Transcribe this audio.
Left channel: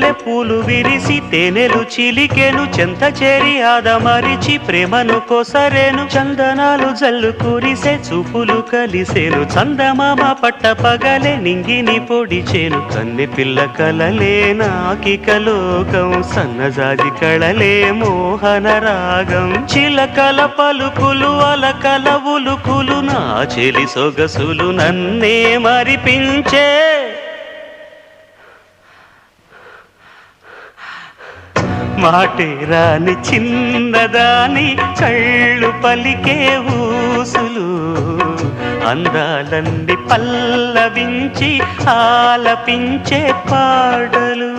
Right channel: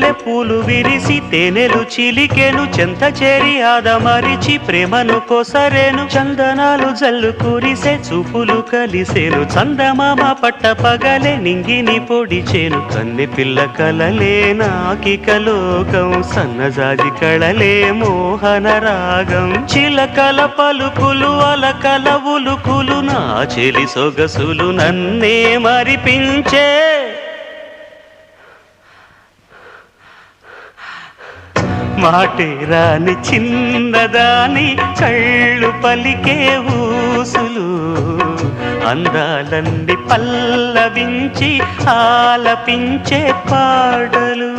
మల్లె పూలు విరిసి తేనెలు చిలికెను చెంత చేరి ఆదమరిచి ప్రేమను కోసరేను చందనాలు జల్లు కురిసే చూపులు కలిసేను చందమామ పట్ట పగలే నింగిని పొడిచేను కన్నె పిల్ల కలలే నాకిక లోకం సన్నజాజి కళలే మోహన రాగం చిలకల పలుకులు అలకల ఉలుకులు నా చెలి సొగసులు నన్నే మరిపించే మాటే రాని చిన్నదాని కళ్ళు పలికే ఊసులు అందాలన్నీ పల్లవించి ఆలపించే పాటలు